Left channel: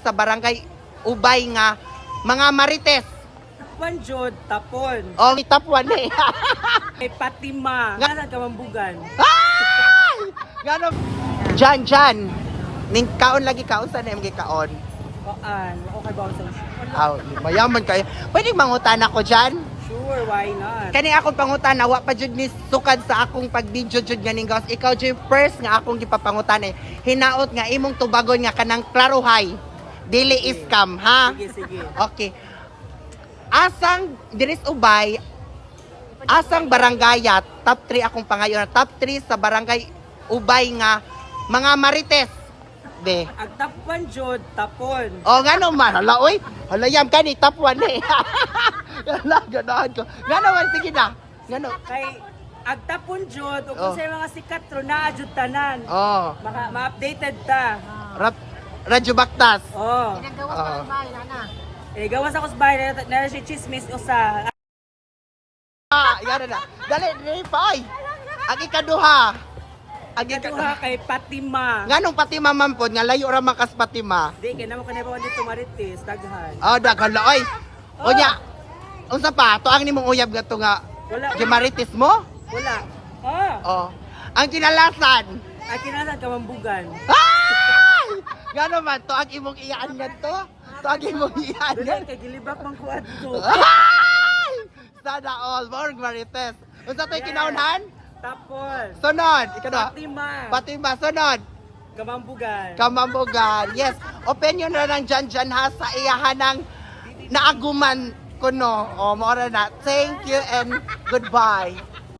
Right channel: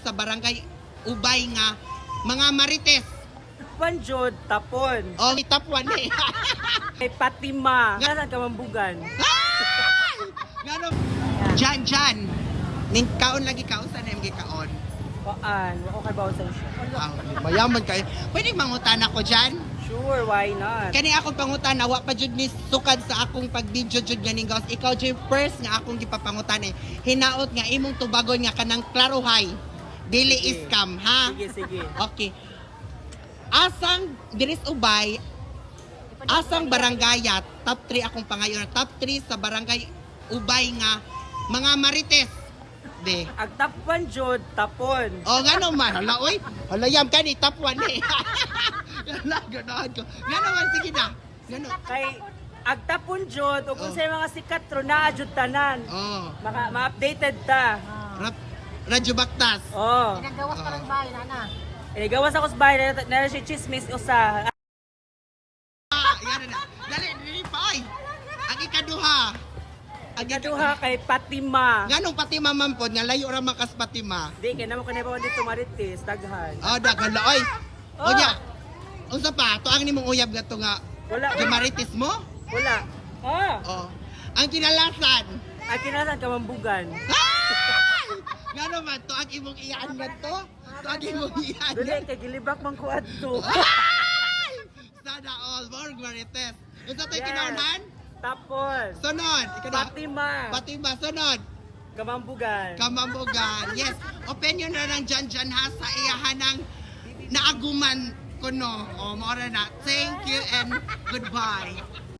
sa barangay Ubay nga mga marites. Panjod, tapon. O, top 1 eh. May patima. Nga kamambugan. Ay! Ganon. Jan. Ning kaon lagi kaon sa name kaon. Koan, okay ba sa Aw, mayaman kayo. Pwede mangutan ako dyan? Sure, why not? Kani akong pangutan, wa pa jud ni sukad sa akong pag-video jud ganing gawas. Ikaw jud first nga akong gipapangutan eh. Hinaot nga imong tubagon nga kanang klaruhay. Dili Sige. scam, ha? Sige. Okay. Asang diris Ubay, asang barangayat, top 3 akong pangayon. Top 3 sa barangay Ubay nga mga marites. De. Ang tapuan jod, tapon. O nga naman, hala oy. Hala yam ka ni top 1 eh. Hala, ganahan ko. Nga naman, sige na. Nga no. Kay ang tapon jod, o kung Oh. sa mga sikat ro na jud tanan. Oh. Ma-updated ta. Radyo Baktas. Oh. Ginagawa pa ng bahay, nana. Gawas ako sa bahay na si chismis usa. Yan na. Dali, pay. Ang ikaduha. Ang Kaduha kay Patima. Nga nung pati mamampod, nga layo ra makas Patima. Di kay namo kanay pa dito marites, daghan. Oh, daghala oy. O nya. Unsa pa? To ang nimong uyab gato nga Wala. Gemaritis mo? Wala. Ah, Oh. Ang kinalasan. ang kinasan kamambugan. Ay! Nga naman, to ang imong iyaan nga to. To ang imong iyaan Dili nga. kay gilibak man ko adto. Ay! Sana all. More Gemaritis. Unsa to'y Yes. kinaunan? Tapos, Sunod. Ikaw Patima. Patima, sunod. Kamambugan. Kamambugan. Yes. Opinion na ng Jan ha sa iyahan ng naaguman kuno. O, maura na. Thank you and goodbye.